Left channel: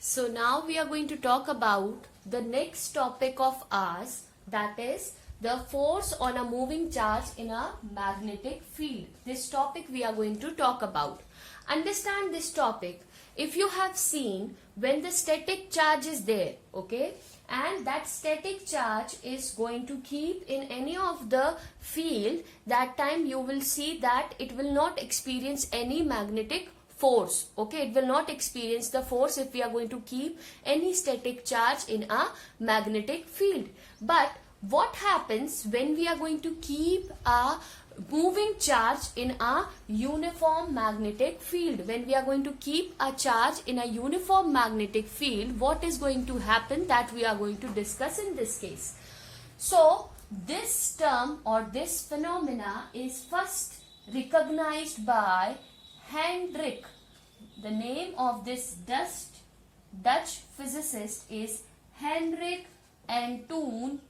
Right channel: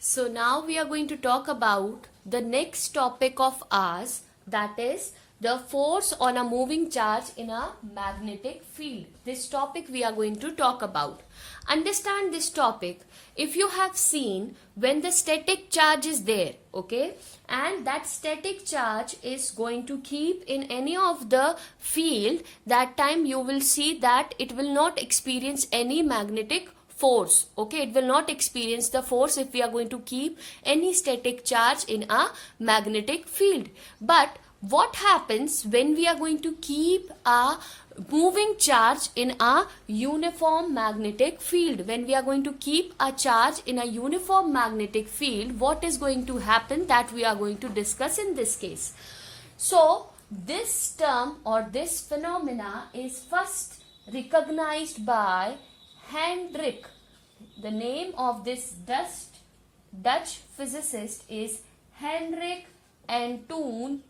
So now we are going to talk about the next topic of ours, that is the force on a moving charge in a magnetic field. This topic we are going to talk about. Understand this topic. If you have seen when the static charge is there, okay, and that static charge is going to keep in any of the field, that time you will see that it will not experience any magnetic force. Okay, it will not experience the force if we are going to keep any static charge in a magnetic field. But what happens when we are going to keep a moving charge in a uniform magnetic field? When we are going to keep a charge in a uniform magnetic field, what is going to happen, that we are going to discuss in this case. So this term or this phenomena is first recognized by Hendrik. The name of this Dutch physicist is Hendrik Antoon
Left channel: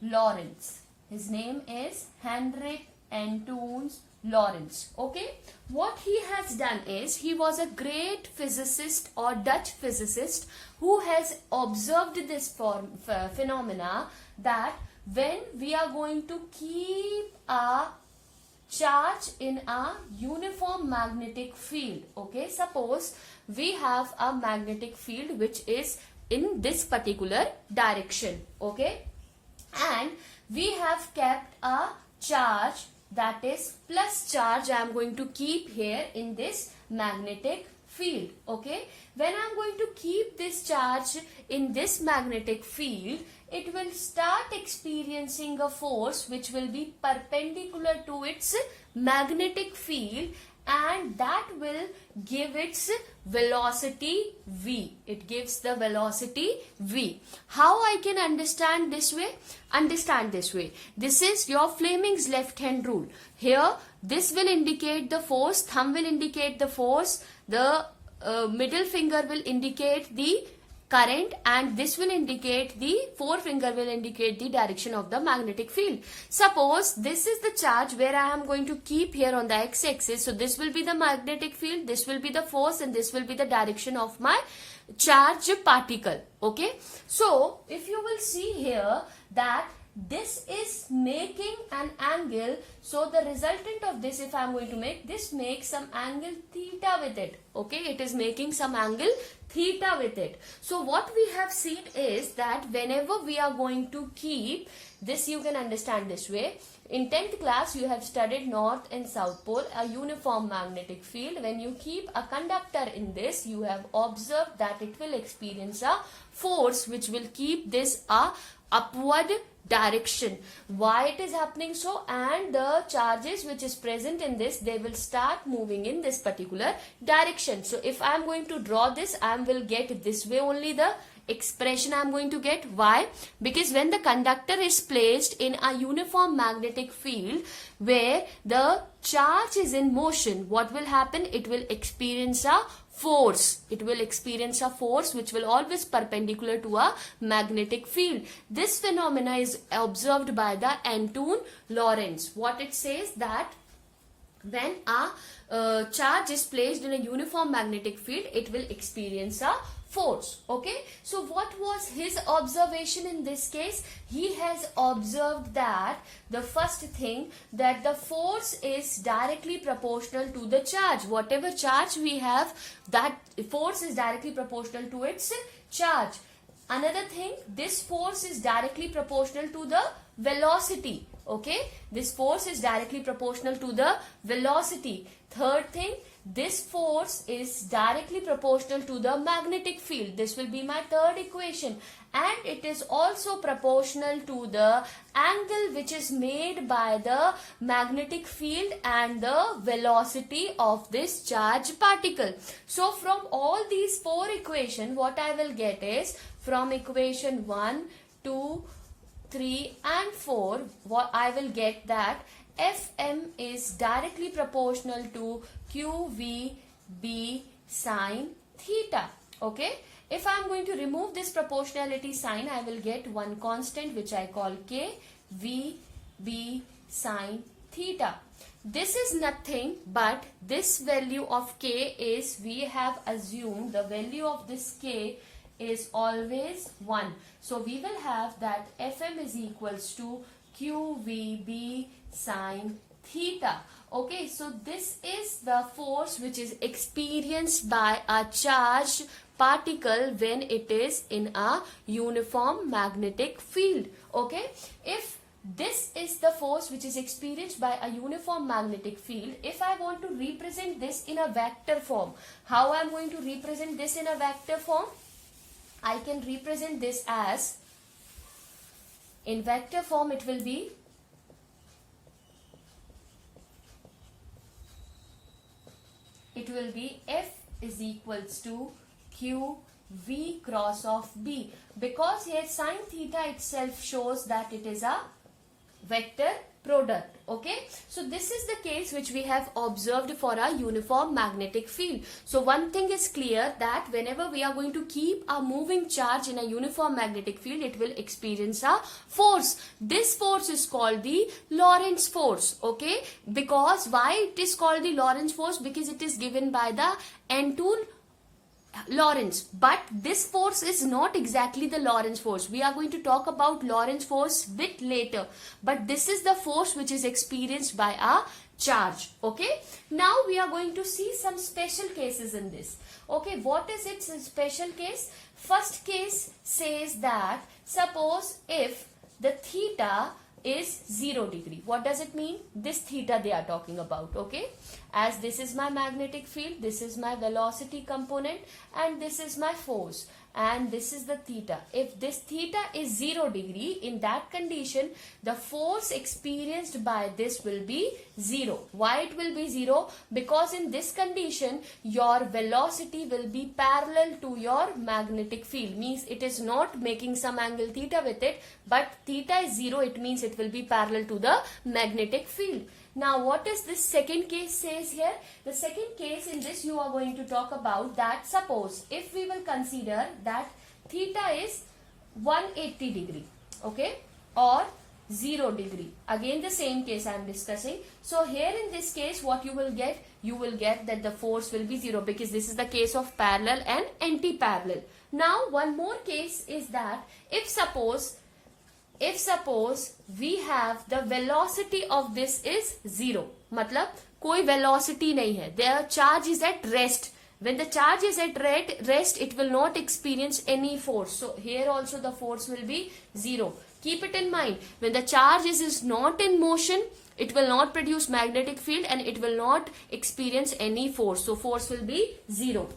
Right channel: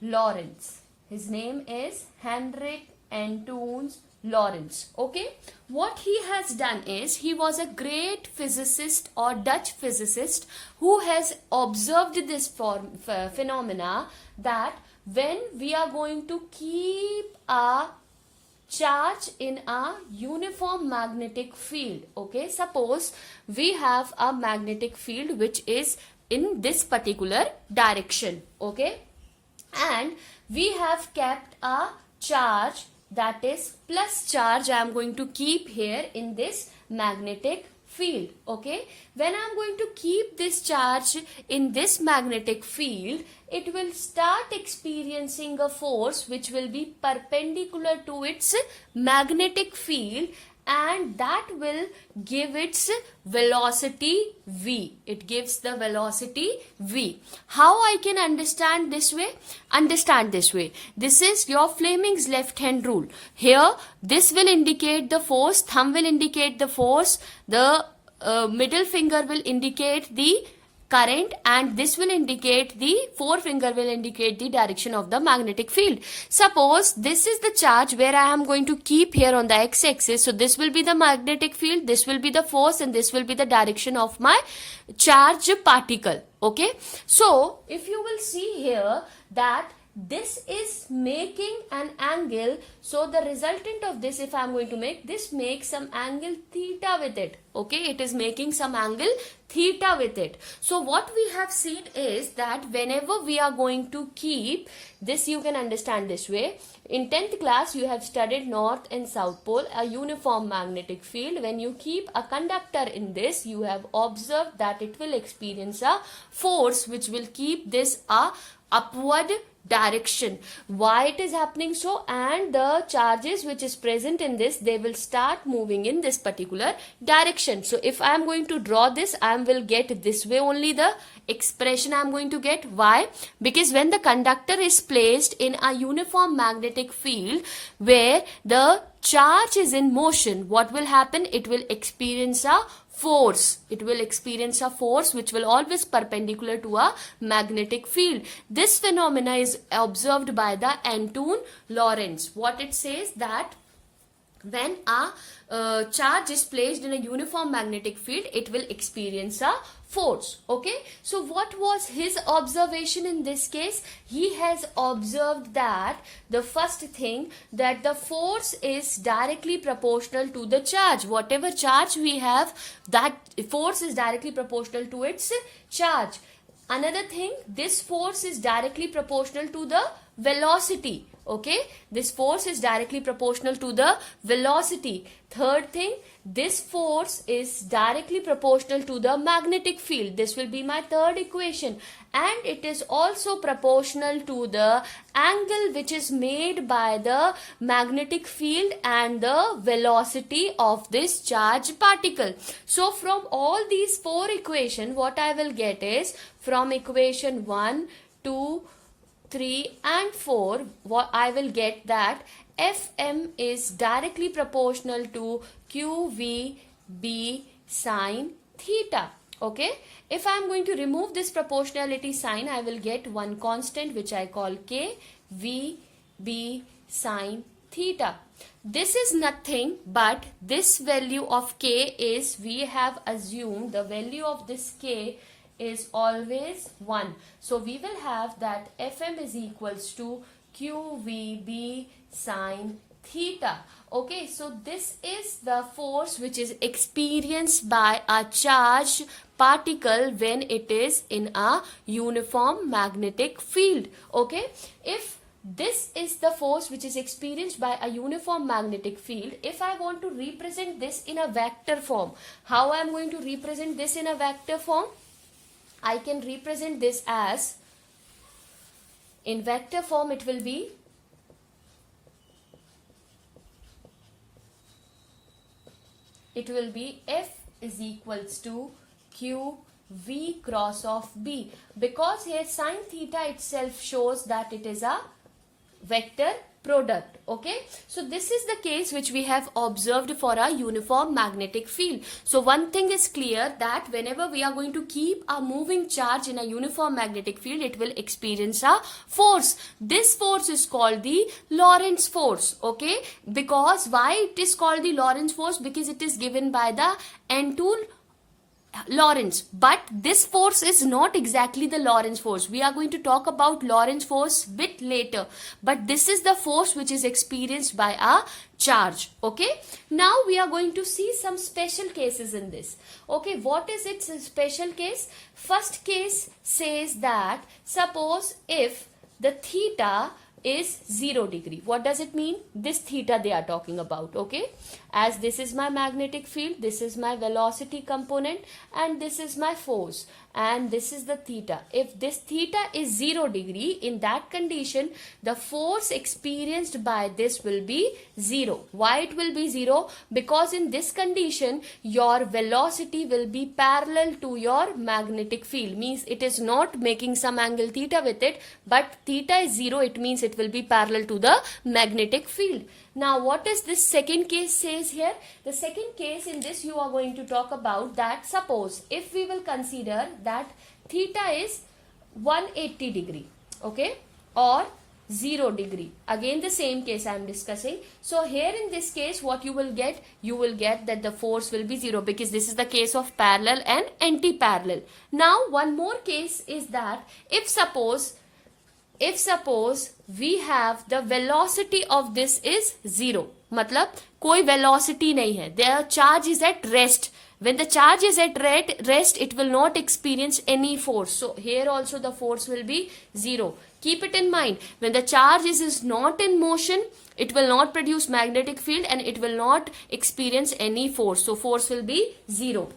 Lorentz. His name is Hendrik Antoon Lorentz. Okay, what he has done is, he was a great physicist or Dutch physicist who has observed this phenomena, that when we are going to keep a charge in a uniform magnetic field, okay, suppose we have a magnetic field which is in this particular direction, okay, and we have kept a charge, that is plus charge, I am going to keep here in this magnetic field. Okay, when I am going to keep this charge in this magnetic field, it will start experiencing a force which will be perpendicular to its magnetic field, and that will give its velocity v. It gives the velocity v. How I can understand this way? Understand this way. This is your Fleming's left hand rule. Here this will indicate the force, thumb will indicate the force, the middle finger will indicate the current, and this will indicate, the forefinger will indicate the direction of the magnetic field. Suppose this is the charge where I am going to keep here on the x-axis. So this will be the magnetic field, this will be the force, and this will be the direction of my charge particle. Okay, so if you will see here that this is making an angle, so the resultant of this, if I am going to make this, makes some angle theta with it. Okay, it is making some angle theta with it. So what we have seen is that whenever we are going to keep this, you can understand this way. In 10th class you have studied north and south pole, a uniform magnetic field. When you keep a conductor in this, you have observed that it will experience a force which will keep this a upward direction. Why it is happening so? And the charges which is present in this, they will start moving in this particular direction. So if I am going to draw this, I will get this way only the expression I am going to get. Why? Because when the conductor is placed in a uniform magnetic field where the charge is in motion, what will happen? It will experience a force. It will experience a force which will always perpendicular to a magnetic field. This phenomena is observed by the Antoon Lorentz. What it says, that when a charge is placed in a uniform magnetic field, it will experience a force. Okay, so what was his observation in this case? He has observed that the first thing, that the force is directly proportional to the charge. Whatever charge we have, that force is directly proportional to its charge. Another thing, this force is directly proportional to the velocity. Okay, this force is directly proportional to the velocity. Third thing, this force is directly proportional to the magnetic field. This will be my third equation. And it is also proportional to the angle which is made by the magnetic field and the velocity of this charged particle. So from all these four equations, what I will get is, from equation 1, 2, 3 and 4, what I will get that Fm is directly proportional to QVB sine theta. Okay, if I am going to remove this proportionality sign, I will get one constant which I call K, V, B sine theta. this is nothing but this value of k is, we have assumed the value of this k is always 1. So we will have that Fm is equals to QVB sine theta. Okay, so this is the force which is experienced by a charged particle when it is in a uniform magnetic field. Okay, if this is the force which is experienced by a uniform magnetic field, if I want to represent this in a vector form, how I am going to represent this in a vector form? I can represent this as, in vector form it will be F is equals to Q V cross of B, because here sine theta itself shows that it is a vector product. Okay, so this is the case which we have observed for a uniform magnetic field. So one thing is clear, that whenever we are going to keep a moving charge in a uniform magnetic field, it will experience a force. This force is called the Lorentz force. Okay, because why it is called the Lorentz force? Because it is given by the Antoine Lorentz. But this force is not exactly the Lorentz force. We are going to talk about Lorentz force bit later. But this is the force which is experienced by a charge. Okay. Now we are going to see some special cases in this. Okay. What is its special case? First case says that suppose if the theta is 0 degree. What does it mean? This theta they are talking about. Okay, as this is my magnetic field, this is my velocity component, and this is my force, and this is the theta. If this theta is 0 degree, in that condition the force experienced by this will be 0. Why it will be 0? Because in this condition your velocity will be parallel to your magnetic field, means it is not making some angle theta with it, but theta is 0, it means it will be parallel to the magnetic field. Now what is this second case says here? The second case, in this you are going to talk about that suppose if we will consider that theta is 180 degree, okay, or 0 degree. Again the same case I am discussing. So here in this case what you will get? You will get that the force will be 0, because this is the case of parallel and anti-parallel. Now one more case is that if suppose we have the velocity of this is 0, मतलब कोई velocity नहीं है, the charge is at rest. When the charge is at rest, it will not experience any force. So here also the force will be 0. Keep it in mind. When the charge is not in motion, it will not produce magnetic field and it will not experience any force. So force will be 0.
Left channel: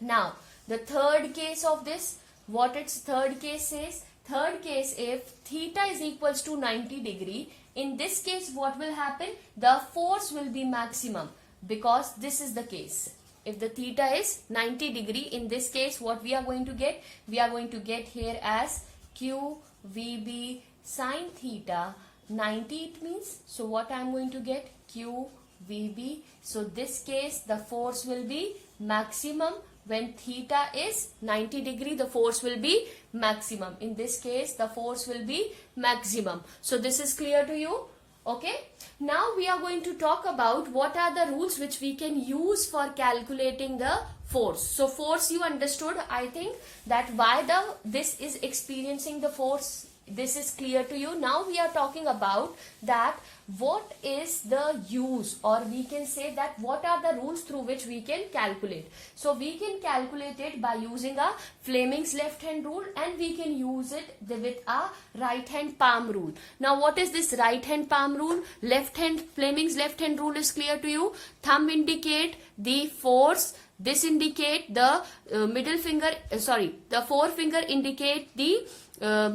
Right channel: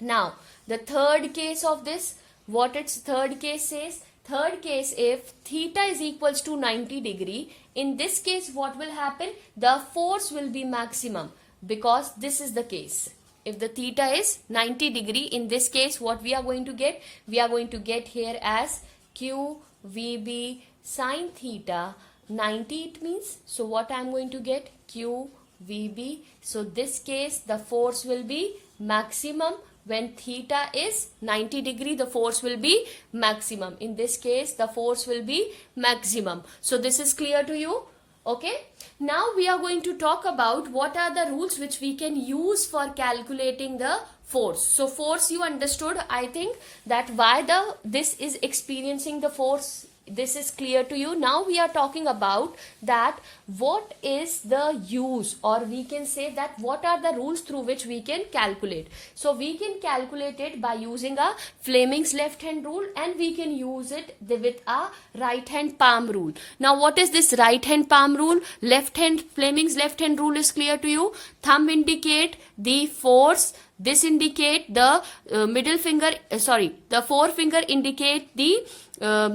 Now the third case of this, what its third case says? Third case, if theta is equals to 90 degree, in this case what will happen? The force will be maximum, because this is the case. If the theta is 90 degree, in this case what we are going to get? We are going to get here as QVB sine theta 90 it means. So what I am going to get? QVB. So this case the force will be maximum. When theta is 90 degree, the force will be maximum. In this case, the force will be maximum. So this is clear to you? Okay. Now we are going to talk about what are the rules which we can use for calculating the force. So force you understood. I think that why this is experiencing the force, this is clear to you. Now we are talking about that what is the use, or we can say that what are the rules through which we can calculate. So we can calculate it by using a Fleming's left hand rule, and we can use it with a right hand palm rule. Now what is this right hand palm rule? Fleming's left hand rule is clear to you. Thumb indicate the force, this indicate the the forefinger indicate the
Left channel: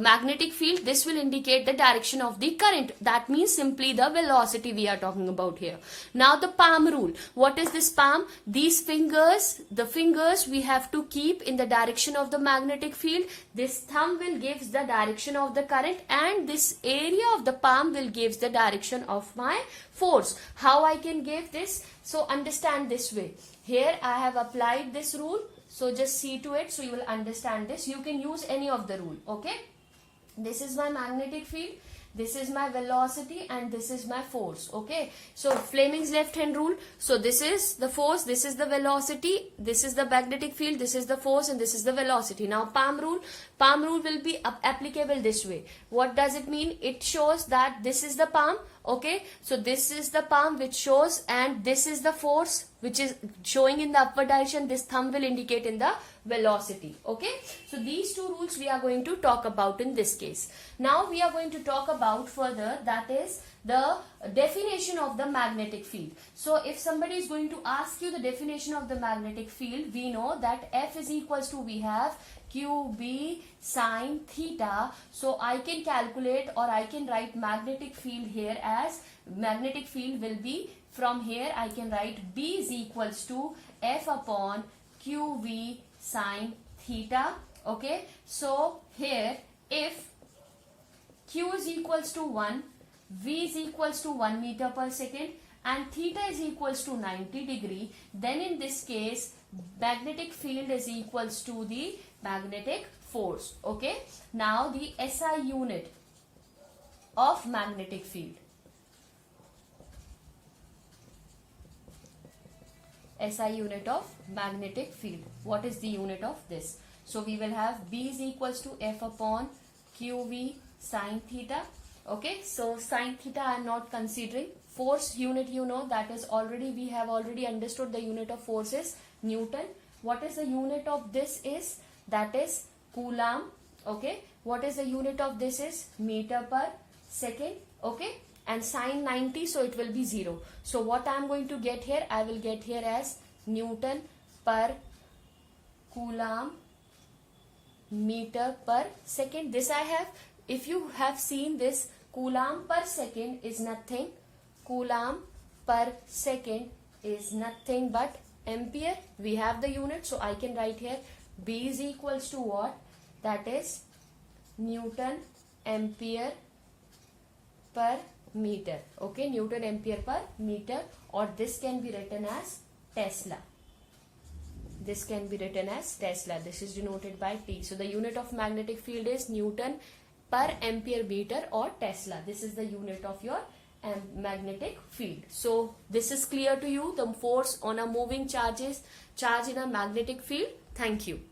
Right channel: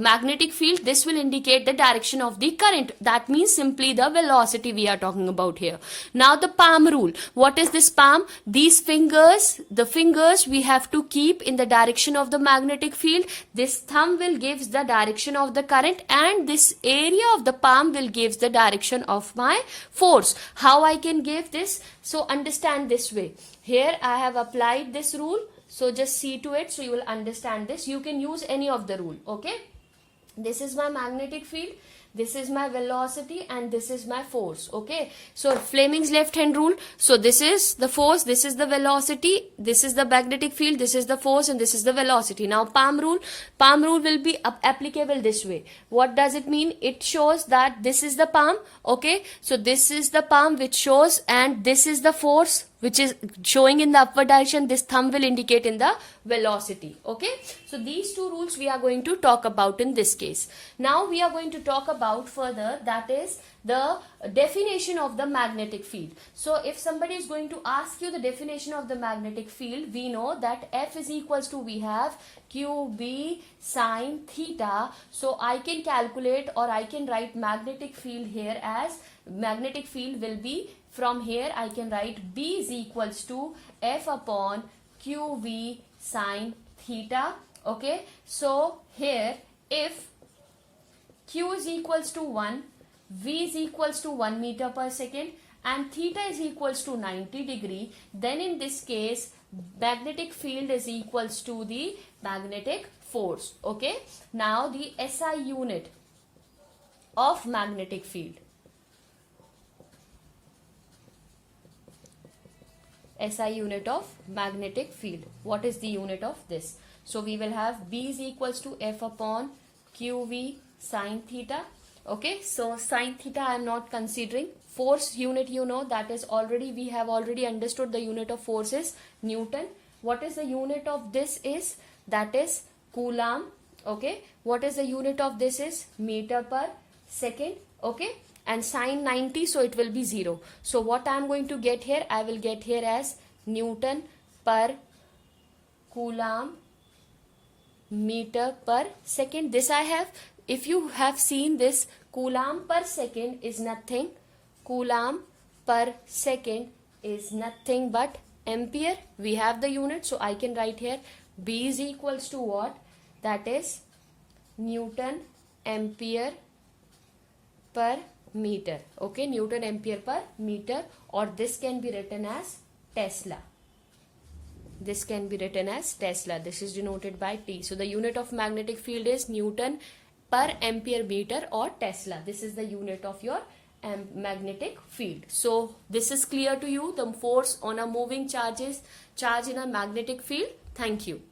magnetic field. This will indicate the direction of the current. That means simply the velocity we are talking about here. Now the palm rule. What is this palm? These fingers, the fingers we have to keep in the direction of the magnetic field. This thumb will gives the direction of the current, and this area of the palm will gives the direction of my force. How I can give this? So understand this way. Here I have applied this rule. So just see to it so you will understand this. You can use any of the rule. Okay. This is my magnetic field. this is my velocity and this is my force. Okay, so Fleming's left hand rule. So this is the force, this is the velocity, this is the magnetic field, this is the force, and this is the velocity. Now palm rule will be applicable this way. What does it mean? It shows that this is the palm. Okay, so this is the palm which shows, and this is the force which is showing in the upward direction. This thumb will indicate in the velocity. Okay, so these two rules we are going to talk about in this case. Now we are going to talk about further, that is the definition of the magnetic field. So if somebody is going to ask you the definition of the magnetic field, we know that F is equals to, we have QB sine theta. So I can calculate, or I can write magnetic field here as, magnetic field will be, from here I can write B is equals to F upon QV sine theta. Okay, so here if Q is equals to 1, V is equals to 1 meter per second, and theta is equals to 90 degree, then in this case magnetic field is equals to the magnetic force. Okay, now the SI unit of magnetic field. SI unit of magnetic field. What is the unit of this? So we will have B is equals to F upon QV sine theta. Okay, so sine theta I am not considering. Force unit, you know, that is already, we have already understood the unit of force is Newton. What is the unit of this is? That is Coulomb. Okay, what is the unit of this is? Meter per second. Okay, and sine 90, so it will be 0. So what I am going to get here? I will get here as Newton per Coulomb meter per second. This I have, if you have seen this, Coulomb per second is nothing. Coulomb per second is nothing but ampere. We have the unit, so I can write here B is equals to what? That is Newton ampere per meter. Okay, Newton ampere per meter, or this can be written as Tesla. This can be written as Tesla. This is denoted by T. So the unit of magnetic field is Newton per ampere meter, or Tesla. This is the unit of your magnetic field. So this is clear to you, the force on a moving charge in a magnetic field. Thank you.